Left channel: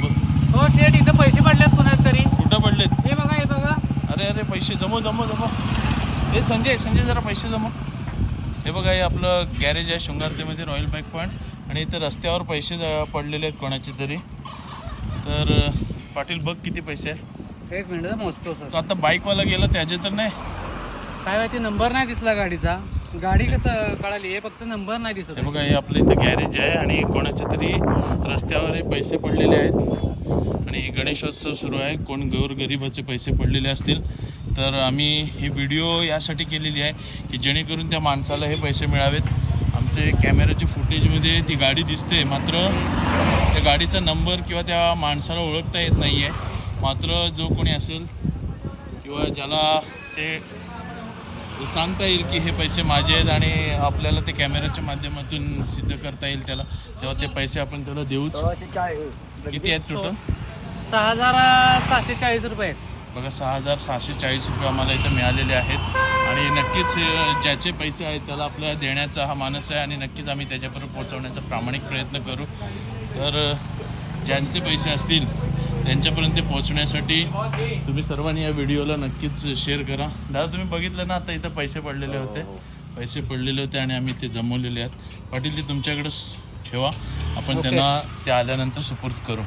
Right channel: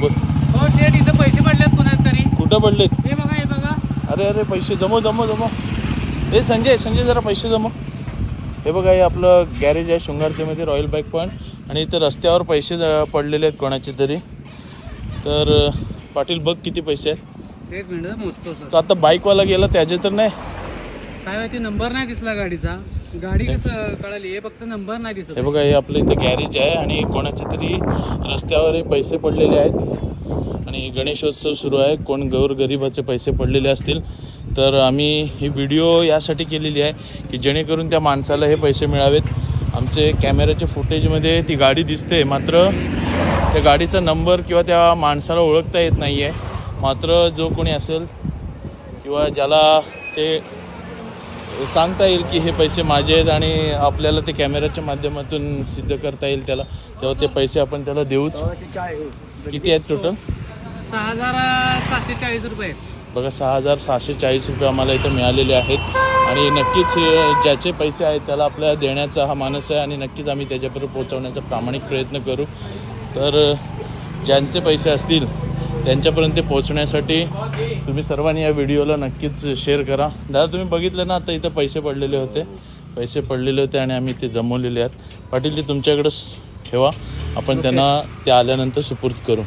बोल. हो शेठ, इथं पैसे पडलेत पुण्यात तरी. कुठं पडलेत? हे बघा, हे बघा. अरे पैसे जमव. हे संजय जरा पैसे जमव. हे बघा, हे आपलं गॅरेज आहे शृंगारतेमध्ये, रॉयल बाईक पॉईंट. आणि इथं रस्त्यावर पैसे पडलेले आहेत कोणाचे तरी. तर पाटील बघ किती पैसे आहेत. एक मिनिट मोजतो सर. तर आता बाईकवाला गेला त्याचे तर नाही. काय माहिती, नंबर नाही दिसला गाडीचा. गाडी कसं कळाली, हे फक्त नंबर नाही दिसत. हे बघा, हे आपलं इथं गॅरेज आहे आणि कोणाचे तरी रस्त्यावर हे पैसे पडलेले आहेत. आणि गणेशोत्सव सुरू आहे, कोण गोरगरिबाचे पैसे पडलेले असतील तर आम्ही ही व्हिडिओ यासाठी केलेली आहे की जेणेकरून त्या माणसाला हे पैसे मिळावेत. आमचे कॅमेऱ्याच्या फुटेजमध्ये ती गाडी दिसते, मात्र त्या गाडीचा नंबर किंवा त्या माणसाला ओळखता येत नाही आहे. मात्र जो कोणी असेल किंवा ज्याला ते सांगता येईल की हे पैसे माझे आहेत आणि आपल्याला ते कॅमेऱ्याच्या माध्यमातून सिद्ध करता येईल त्याला, तेव्हा ते पैसे आपण त्याला देऊच. किती आहेत टोटल? 6,740 रुपये. बघा, 6,640 रुपये आम्हाला इथं मिळालेले आहेत. आणि नक्कीच ज्याचे पैसे आहेत त्याला आपल्याला देण्याचा हा मानस आहे आणि नक्कीच आम्ही त्याच्यापर्यंत पोहोचवण्याचा प्रामाणिक प्रयत्न करू. तर ज्यांचे पैसे असतील त्यांच्यापर्यंत पोहोचण्यासाठी तुम्ही सर्वांनी या व्हिडिओला नक्कीच शेअर करा. दादा, तुम्ही बघितलं ना, आता इथं पैसे पडलेले होते आणि आम्ही ते जमवलेले आहेत. पाटील, ते तुमच्याकडेच ठेवा, आपण त्यांना ते आल्यानंतर सुपूर्द करू.